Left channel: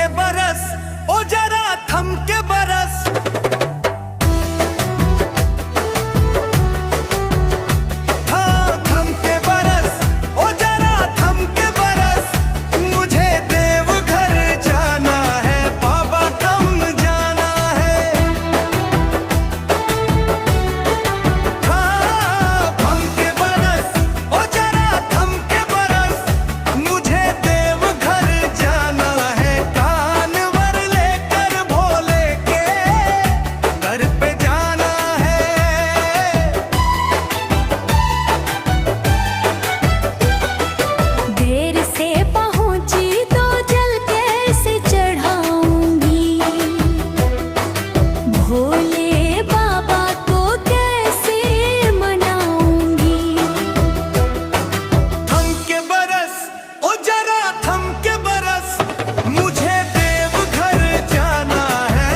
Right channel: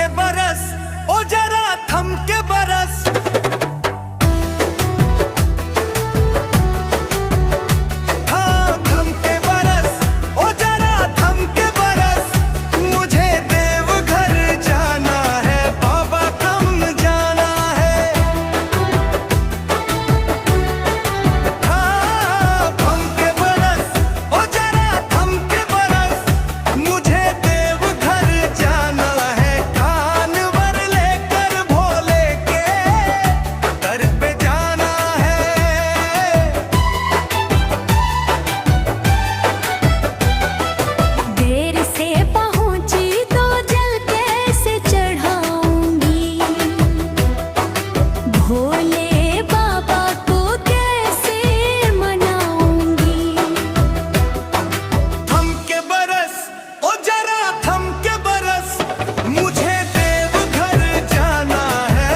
के बरस, ओ जरा थम के बरस। हाँ थम के बरस, ओ जरा थम के बरस। मुझे देवघर जाना है बाबा, कम जाना है। हाँ थम के बरस, ओ जरा थम के बरस। मुझे देवघर जाना है, कांवर लेकर भोले के दर पे जाना है। देर से पहुंची तो जल कैसे चढ़ाऊंगी, भोले बाबा को कैसे मनाऊंगी। थम के बरस, ओ जरा थम के बरस। मुझे देवघर जाना है।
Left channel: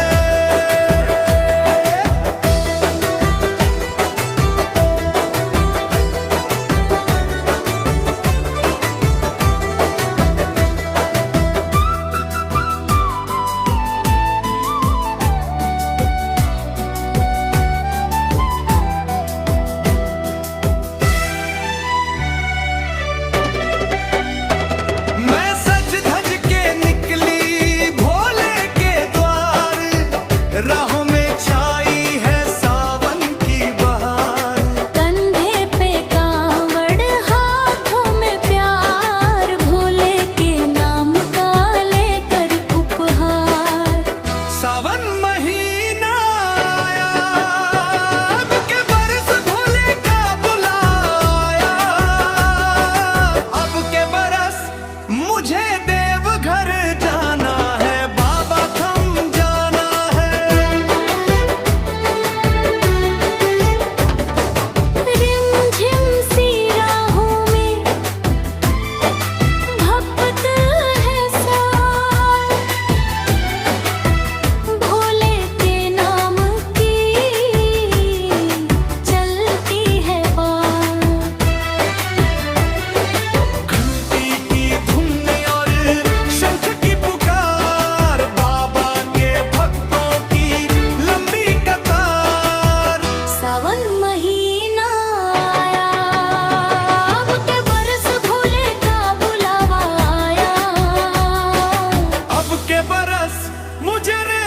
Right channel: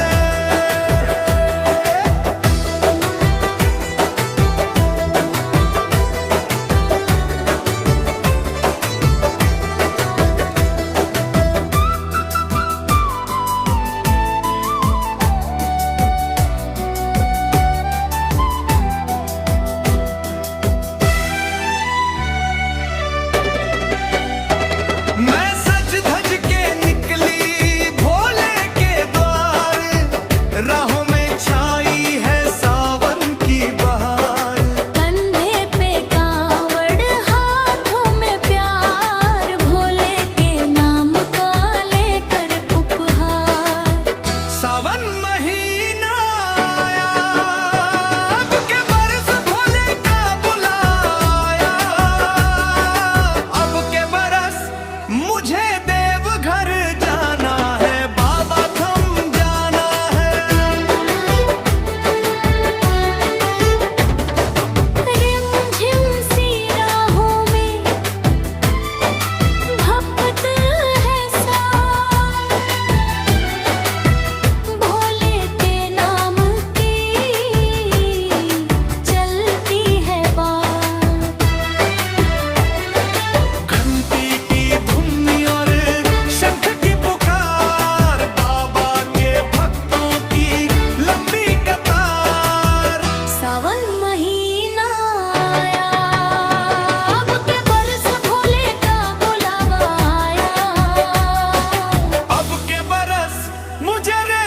मैं सज धज के निकली भोले के द्वार। राहों में छाई है सावन की बहार। कंधे पे कांवड़, हाथों में प्यार, भोले के नाम का लेकर उपहार। सावन महीना आया, अब के बरस भोले का बुलाया। अब के बरस मुझे देवघर जाना है बाबा, थम जाना है। रिमझिम सी राहों में भपत है सार, भोले के नाम की चलती है बात। घंटी की धुन और शंख की पुकार, बाबा के भक्तों की लंबी कतार। सावन महीना आया, अब के बरस भोले का बुलावा आया। अब के बरस मुझे रे